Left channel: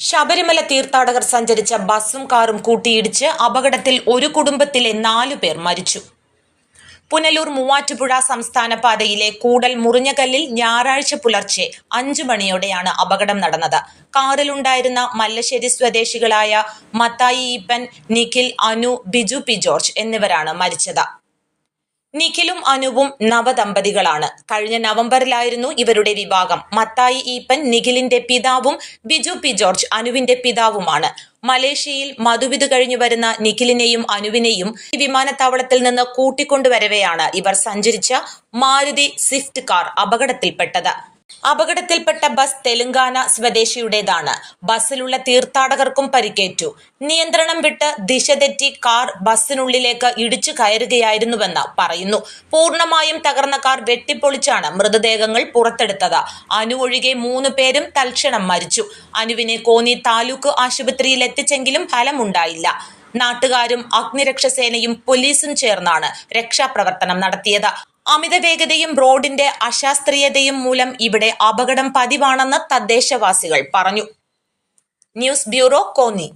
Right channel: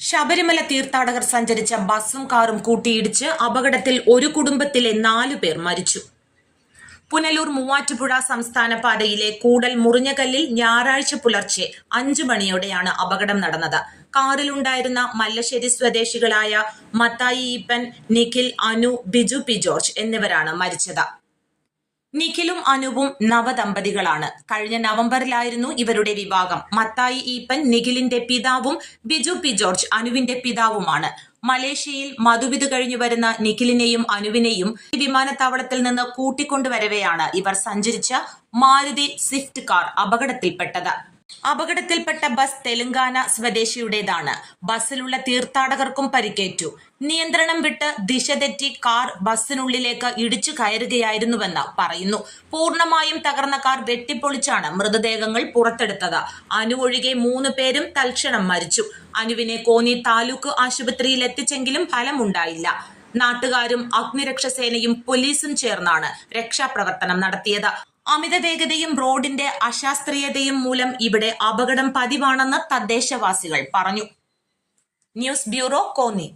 ശബരിമല തീർത്ഥാടകർ സഞ്ചരിച്ച ബസ്സും കാറും കൂട്ടിയിടിച്ച് അപകടത്തിൽ ഒരു കുടുംബത്തിലെ നാലു പേർ മരിച്ചു. പുനലൂർ മൂവാറ്റുപുഴ സംസ്ഥാന പാതയിലെ കൂടൽ മുറിഞ്ഞകല്ലിൽ ഞായറാഴ്ച പുലർച്ചെ അഞ്ചു മണിയോടെയാണ് അപകടം നടന്നത്. കാറിലുണ്ടായിരുന്ന മല്ലശ്ശേരി സ്വദേശികളായ മത്തായി ഈപ്പൻ നിഖിൽ അനു ബിജു പി ജോർജ് എന്നിവരാണ് മരിച്ചത്. നിഖിലും അനുവും നവദമ്പതികളാണ്. കഴിഞ്ഞ നവംബറിലായിരുന്നു ഇവരുടെ വിവാഹം. മത്തായി ഈപ്പൻ നിഖിലിന്റെ പിതാവും ബിജു പി ജോർജ് അനുവിന്റെ പിതാവുമാണ്. മലേഷ്യയിൽ മധുവിധു കഴിഞ്ഞു വരുന്ന നിഖിലിനെയും അനുവിനെയും വിമാനത്താവളത്തിൽ നിന്ന് കൂട്ടിക്കൊണ്ടുവരവെയാണ് ഇവർ സഞ്ചരിച്ച മാരുതി സ്വിഫ്റ്റ് കാർ അപകടത്തിൽപ്പെട്ടത്. അപകടത്തിൽപ്പെട്ട ബസ് തെലങ്കാന സ്വദേശിയുടേതാണ്. ബസ്സിലുള്ള തീർത്ഥാടകർക്കും പരിക്കേറ്റു. നിയന്ത്രണം വിട്ട് ദിശ തെറ്റി കാർ ബസ്സിനുള്ളിലേക്ക് ഇടിച്ചു കയറുകയായിരുന്നുവെന്ന് പറയുന്നു. പൂർണമായും തകർന്ന കാർ വെട്ടിപ്പൊളിച്ചാണ് മൃതദേഹങ്ങൾ പുറത്തെടുത്തത്. അനു ഒഴികെ മൂന്ന് പേരും തൽക്ഷണം മരിച്ചു. അനുവിനെ കോന്നി താലൂക്ക് ആശുപത്രിയിൽ എത്തിച്ചെങ്കിലും ഫലമുണ്ടായില്ല. നാട്ടുകാരും അഗ്നിരക്ഷാസേനയും പോലീസും ചേർന്നാണ് രക്ഷാപ്രവർത്തനം നടത്തിയത്. അമിത വേഗതയും റോഡിന്റെ അശാസ്ത്രീയതയും മൂലം ഇവിടെ അപകടം പതിവാണെന്ന് തദ്ദേശവാസികൾ പറഞ്ഞു. News bureau Konni.